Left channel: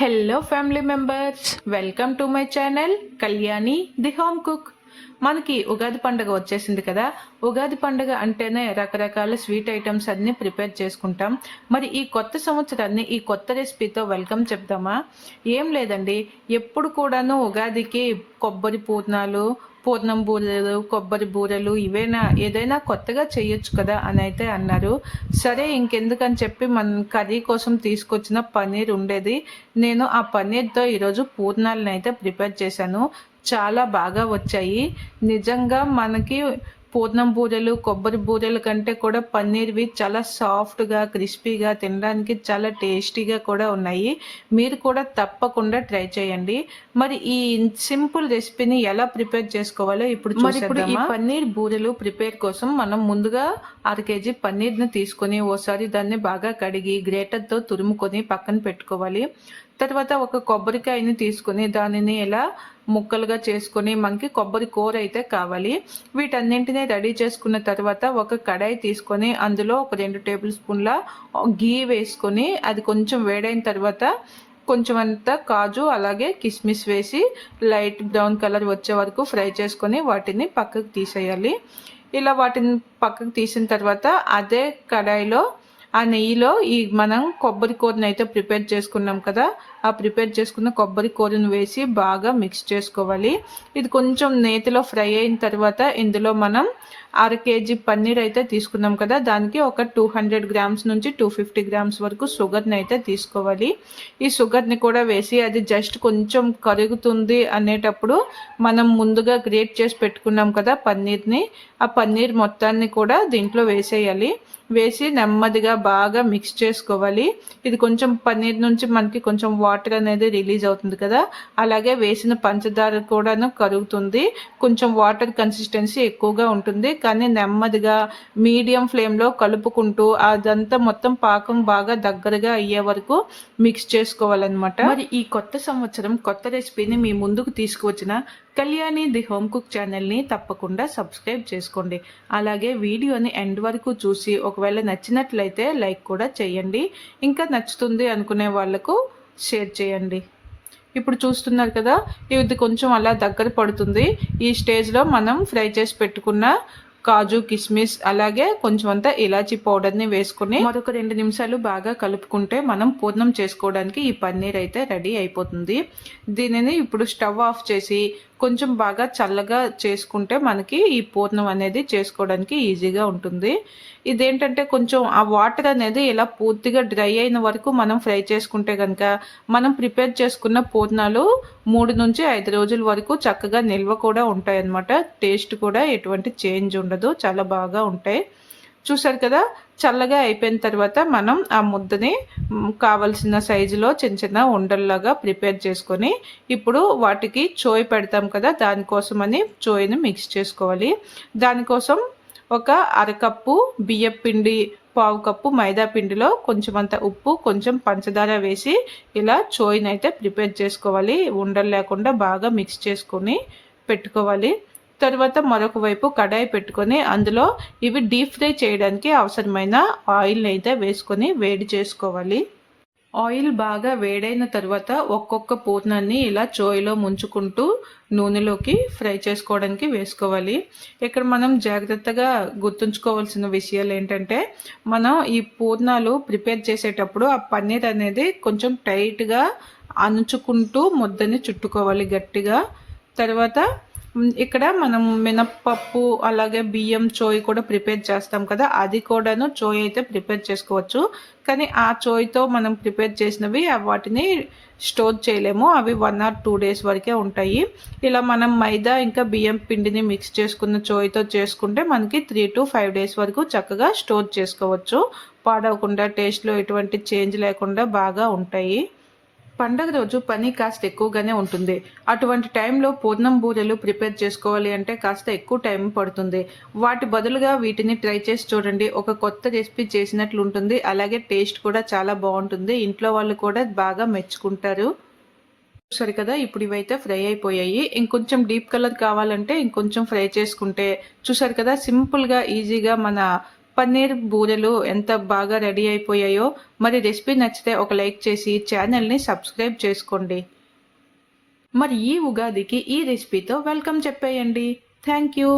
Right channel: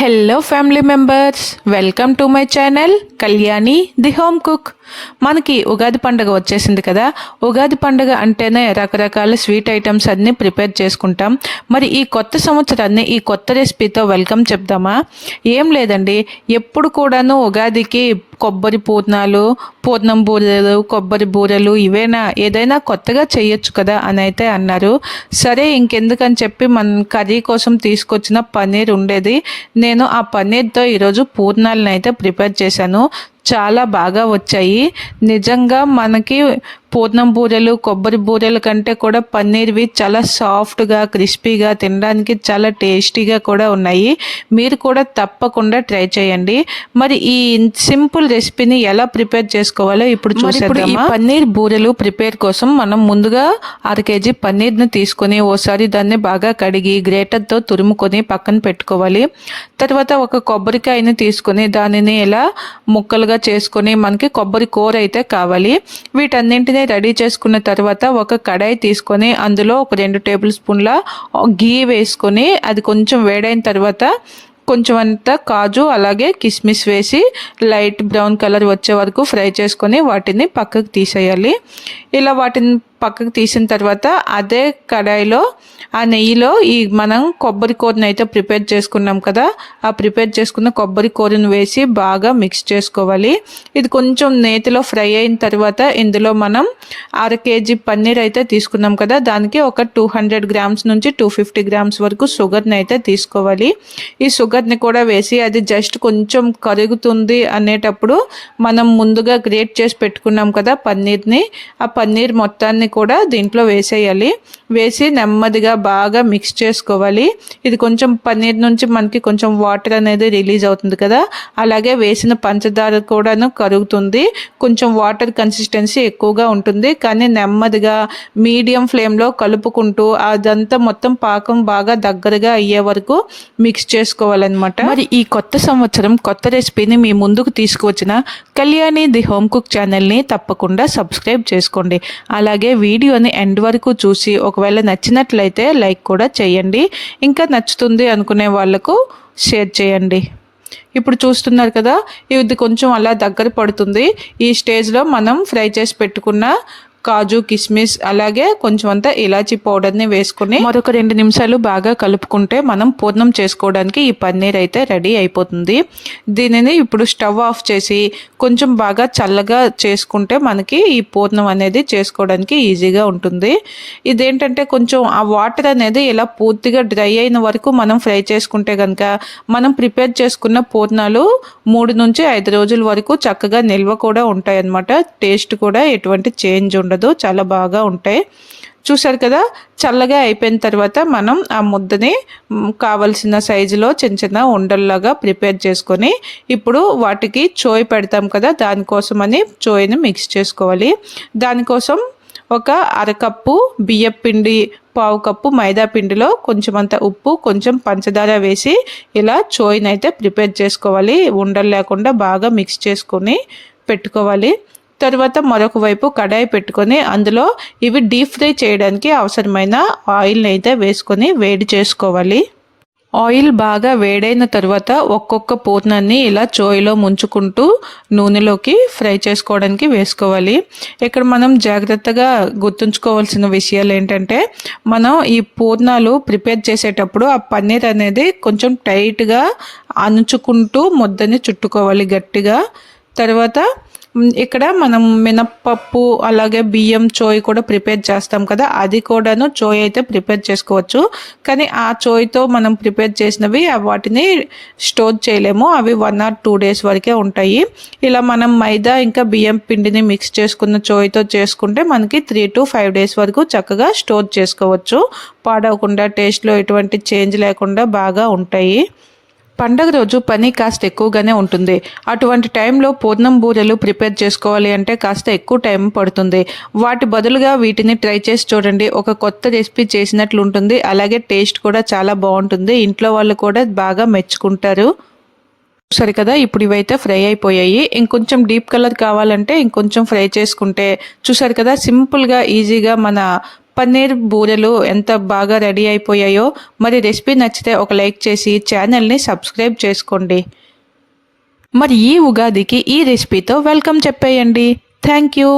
Hello family members, welcome to my channel Kalyani the home cook. మనకి ఉగాది పండుగ వచ్చేసింది కదా. ఉగాది పండుగ అంటేనే రకరకాల స్వీట్ ఐటమ్స్ అన్నీ ప్రిపేర్ చేసుకుంటాం. మరి ఈ కొత్త సంవత్సరాన్ని ఈ కొత్త రెసిపీతో వెల్కమ్ చెప్దామా? ఏం లేదండి, ఎప్పుడు కూడాను ఉగాదికి కొబ్బరి పూర్ణాలు, పూర్ణం బూరెలు, కొబ్బరి బూరెలు ఇవేనా, ఏదైనా కొత్తగా చేయొచ్చు కదా అని అయితే అన్నారు. సరే ఇంకెందుకని చెప్పి మన కర్రీ కోసం తీసుకొచ్చిన పన్నీర్ ఉండేది. నేను ఆ పన్నీర్తో ఈరోజు పూర్ణాలను అయితే ప్రిపేర్ చేశాను. చాలా బాగా వచ్చాయి. నిజంగా మనకి పూర్ణం బూరెలు, కొబ్బరి బూరెల కంటే కూడా పన్నీర్వి చాలా సాఫ్ట్గా, క్రిస్పీగా, తినడానికి చాలా టేస్టీగా కూడా ఉన్నాయి. మీరు కూడా తప్పకుండా ట్రై చేయండి. మరి ఈ సింపుల్ రెసిపీని ఎలా ప్రిపేర్ చేసుకోవాలో ఇప్పుడు చూసేద్దాం. ఈ పన్నీర్ బూరెలు ప్రిపేర్ కోసం మనం ముందుగా 1/2 kg పన్నీర్ని తీసుకొని ఓసారి దాన్ని బాగా కడిగి గ్రేటర్తో తురుముకొని పక్కన పెట్టుకోవాలి. తర్వాత ఒక కొబ్బరికాయని తీసుకొని దానిని ఇలా ముక్కలుగా చేసుకొని మనకి కొబ్బరి కూర అయితే కావాలి. వీటన్నింటినీ రెడీ చేసుకున్న తర్వాత ఒక కడాయి తీసుకొని అందులో ఒక 2 టేబుల్ స్పూన్ల గీ వేసుకొని అది కొంచెం వేడైన తర్వాత కొంచెం అంతా కాజు అలాగే కిస్మిస్ వేసి లైట్ బ్రౌన్ కలర్ వచ్చే వరకు ఫ్రై చేసుకొని వాటిని పక్కకు తీసేయాలి. ఇలా వాటిని పక్కకు తీసిన తర్వాత అదే కడాయిలో ఆ నెయ్యిలో ఈ మనం కొబ్బరి కూరని అయితే ప్రిపేర్ చేసుకున్నాం కదా, ఆ ప్రిపేర్ చేసుకున్న కొబ్బరి కూరను వేసి బాగా మిక్స్ చేసుకోవాలి. ఇది కొంచెం నేతిలో ఫ్రై అయిన తర్వాత ఇందులో మనం 1/2 kg పన్నీర్ అయితే తీసుకున్నాం కదా, దానికి ఒక 200 grams నుంచి 250 grams వరకు షుగర్ని అయితే తీసుకోవాలి. ఈ షుగర్ని కూడా వేసి అది జస్ట్ కొంచెం కరుగుతుంది అనేటప్పుడు మనం ముందుగా గ్రేట్ చేసి పెట్టుకున్నాం కదా పన్నీర్ని, ఆ పన్నీర్ మొత్తాన్ని కూడా దీంట్లో వేసేయాలి. వేసి నెమ్మదిగా బాగా మిక్స్ చేసుకోవాలి. ఇది కొంచెం పన్నీర్ నుంచి మనకి కొంచెం వాటర్ అనేది రిలీజ్ అవుతుంది కదా, అలాగే వేసిన పంచదార కూడాను కరుగుతుంది. కొంచెం వాటర్ కన్సిస్టెన్సీ ఎక్కువగా ఉంటుంది, కానీ నెమ్మదిగా మీడియం ఫ్లేమ్లో కలుపుకుంటూ అదంతా మొత్తం పాకం బాగా దగ్గరగా అయ్యే వరకు మిక్స్ చేసుకోవాలన్నమాట. మరి ఈ కొత్త సంవత్సరం కొత్త రెసిపీని మీ ముందుకు తీసుకువచ్చిన కళ్యాణి ది హోమ్ కుక్ ఛానల్ని తప్పకుండా సబ్స్క్రైబ్ చేసుకోండి. అలాగే వీడియోని ఎండ్ వరకు చూసి ఒకవేళ నచ్చినట్లయితే లైక్ కూడా చేయండి. ఇంకా నచ్చుతుంది అనుకునే వాళ్ళకు షేర్ చేయండి. ఇప్పుడు చూస్తున్నారు కదా, ఇది కొంచెం అలా దగ్గర పడుతుంది. ఈ స్టేజ్లో మనం ఫ్రై చేసి పెట్టుకున్న కాజు, కిస్మిస్ అలాగే కొంచెం అంతా ఇలాచీ పౌడర్ని వేసుకుని మరొక 2 నిమిషాలు బాగా కలుపుకుంటే మనం పూర్ణం చేసుకోవడానికి ఈ పన్నీర్ అయితే రెడీ అయిపోతుంది. దీనిని ఇప్పుడు స్టవ్ ఆఫ్ చేసి కొంచెం బాగా చల్లగా చేసుకుంటే మనకి ఈ పూర్ణం అనేది చేసుకోవడానికి ఈజీగా ఉంటుంది. ఇదేంటంటే కొంచెం ఆ వాటర్ అనేది ఇలా పూర్తిగా డ్రై అయిన వరకు మనం ఫ్రై చేసుకుంటే కనుక మనం ప్రిపేర్ చేసుకున్న పూర్ణాలు 3 నుంచి 5 రోజుల వరకు చక్కగా నిల్వ కూడా ఉంటాయి అన్నమాట. టేస్ట్ కూడా ఎటువంటి చేంజ్ ఉండదు, చాలా బాగా ఉంటాయి. చూసారు కదా, చల్లగా అయిపోయిన తర్వాత మనం ఆ ముద్దని కావలసిన సైజులో చిన్న చిన్న ఉండల్లాగా ప్రిపేర్ చేసుకొని ఇప్పుడు వాటికి చోయ్ పెడతాం కదా, దానికోసమని చోయ్ని మిక్స్ చేసుకోవాలి. దానికోసం ఒక 1/2 కప్పు బియ్యం పిండి, 1/4 కప్పు మైదా పిండిలో కొంచెం అంత ఉప్పు, కొంచెం పంచదార వేసి ఇలా చోయ్ని అయితే ప్రిపేర్ చేసుకోవాలి. ఉండలు లేకుండా బాగా మిక్స్ చేసుకొని పెట్టుకోవాలి. తర్వాత మరొక వైపు కడాయి పెట్టుకొని అందులో ఇవి డీప్ ఫ్రై చేయడానికి అవసరమైన ఆయిల్ని అయితే వేసుకొని వేడి చేసుకోవాలి. ఆయిల్ బాగా వేడైన తర్వాత ఒక్కొక్క పూర్ణాన్ని ఇలా చోయిలో ముంచుకుంటూ నూనెలోకి ఫ్రై చేసుకోవడానికి వేసుకోవాలి. ఇక్కడ మనం జాగ్రత్తగా గుర్తుంచుకోవాల్సిన విషయాలు ఏంటంటే, మనం ఈ పూర్ణాలు ప్రిపేర్ చేసేటప్పుడు ఆ పన్నీర్ అనేది కొంచెం టైట్గా అణుచుకుంటూ ముద్దని చుట్టుకోవాలి గట్టిగా. తర్వాత ఇక్కడ మనం మినప్పప్పు అలాగే బియ్యం చోయ్ కూడా ప్రిపేర్ చేస్తాం కదా, అది కూడాను చోయ్ అయితే ప్రిపేర్ చేసుకోవచ్చు. కానీ ఆ చోయ్తో మనం ప్రిపేర్ చేసినవి వాటిని స్టోర్ చేయలేము, అవి 1 or 2 days వరకే ఉంటాయి. ఇలా మనం మైదా ఇంకా బియ్యం పిండిని మిక్స్ చేసుకున్న చోయ్తో చేసుకుంటే మనకి 3 to 5 days వరకు చక్కగా స్టోర్ చేసుకోవచ్చు. పాడవకుండా, టేస్ట్లో ఎటువంటి చేంజ్ లేకుండా బాగా ఉంటాయి. పండగ రోజు పని కాస్త ఎక్కువగానే ఉంటుంది. అటువంటి టైంలో పూర్ణం బూరెలు ప్రిపేర్ చేసుకోవాలి అంటే కాస్త ఎక్కువ టైం పడుతుంది. వాటి బదులుగా వీటిని ట్రై చేసి చూడండి. ఒక కొత్త రెసిపీ చేసినట్లు ఉంటుంది, అలాగే టేస్ట్ కూడా చాలా బాగుంటుంది. ఇంట్లో వాళ్ళు కూడా బాగా మెచ్చుకుంటారు. సరే కదా, ఇప్పుడు ఇవైతే ఫ్రై అయిపోయాయి. ఇంకొంచెం డీప్ కలర్ కావాలంటే ఇంకొంచెం ఫ్రై చేసుకుంటే, చూసారు కదా సింపుల్గా ఈజీగా మన పన్నీర్ బూరెలు ఎంత బాగా రెడీ అయిపోయాయో. మరి రెసిపీ నచ్చితే ఒక లైక్ చేసి ఛానల్ని సబ్స్క్రైబ్ చేసుకోండి. మరి ఈ ఉగాదికి ఈ రెసిపీతో వెల్కమ్ చెప్పేయండి. Thank you.